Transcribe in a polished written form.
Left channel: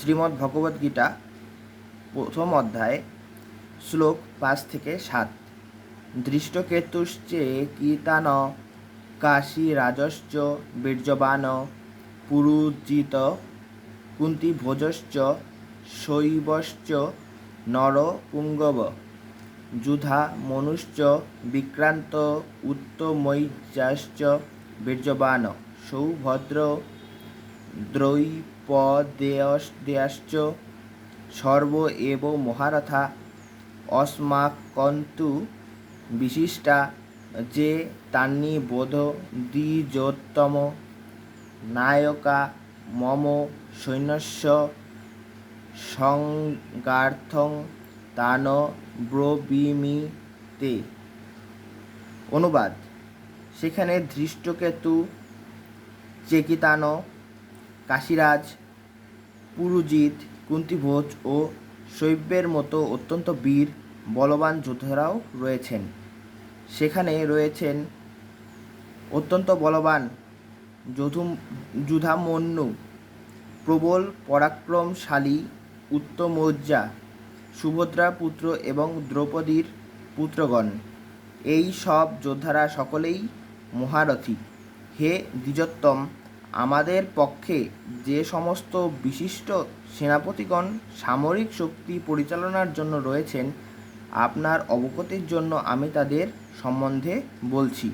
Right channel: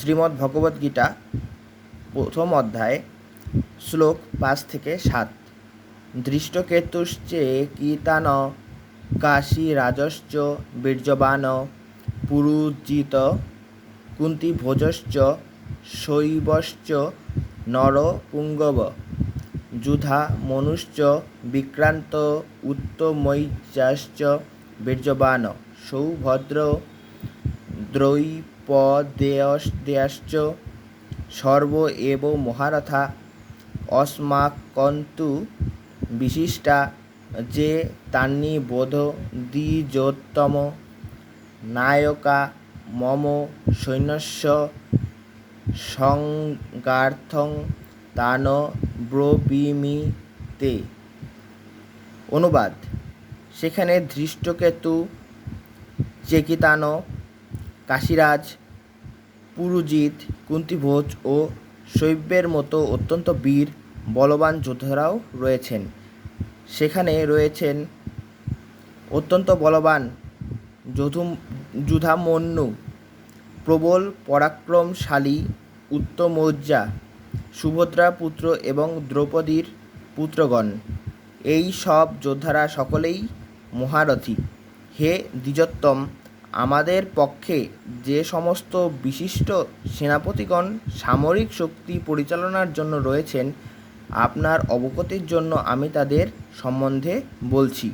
শ্রীমদ্ ভগবদ্গীতা প্রথম অধ্যায় শ্লোক 5 থেকে 7। দৃষ্টকেতুশ্চে কীতান কাশীরাজশ্চ বীর্যবান পুরুজিত কুন্তিভোজশ্চ শৈবশ্চ নরপুঙ্গব যুধা মনুশ্চ বিক্রান্ত উত্তমৈশ্চ বীর্যবান সৌভদ্র দ্রৌপদেয়শ্চ সর্ব এব মহারথা অস্মাকন্তু বিশিষ্টা যে তান্নি বোধ দ্বিজোত্তম নায়কা মম সৈন্যস্য সংগার্থং তান ব্রবীমি তে। অনুবাদ: সেখানে ধৃষ্টকেতু, চেকিতান, কাশীরাজ, পুরুজিত, কুন্তিভোজ ও শৈব্যের মতো অত্যন্ত বীর বলবান যোদ্ধারাও রয়েছেন। সেখানে রয়েছেন অত্যন্ত বলবান যুধামন্যু, প্রবল পরাক্রমশালী উত্তমৌজা, সুভদ্রার পুত্র এবং দ্রৌপদীর পুত্রগণ। এই সব যোদ্ধারা সকলেই মহারথী। হে দ্বিজোত্তম, আমাদের পক্ষে যে সমস্ত বিশিষ্ট সেনাপতিগণ সামরিক শক্তি পরিচালনার জন্য রয়েছেন, আপনার অবগতির জন্য আমি তাদের সম্বন্ধে বলছি।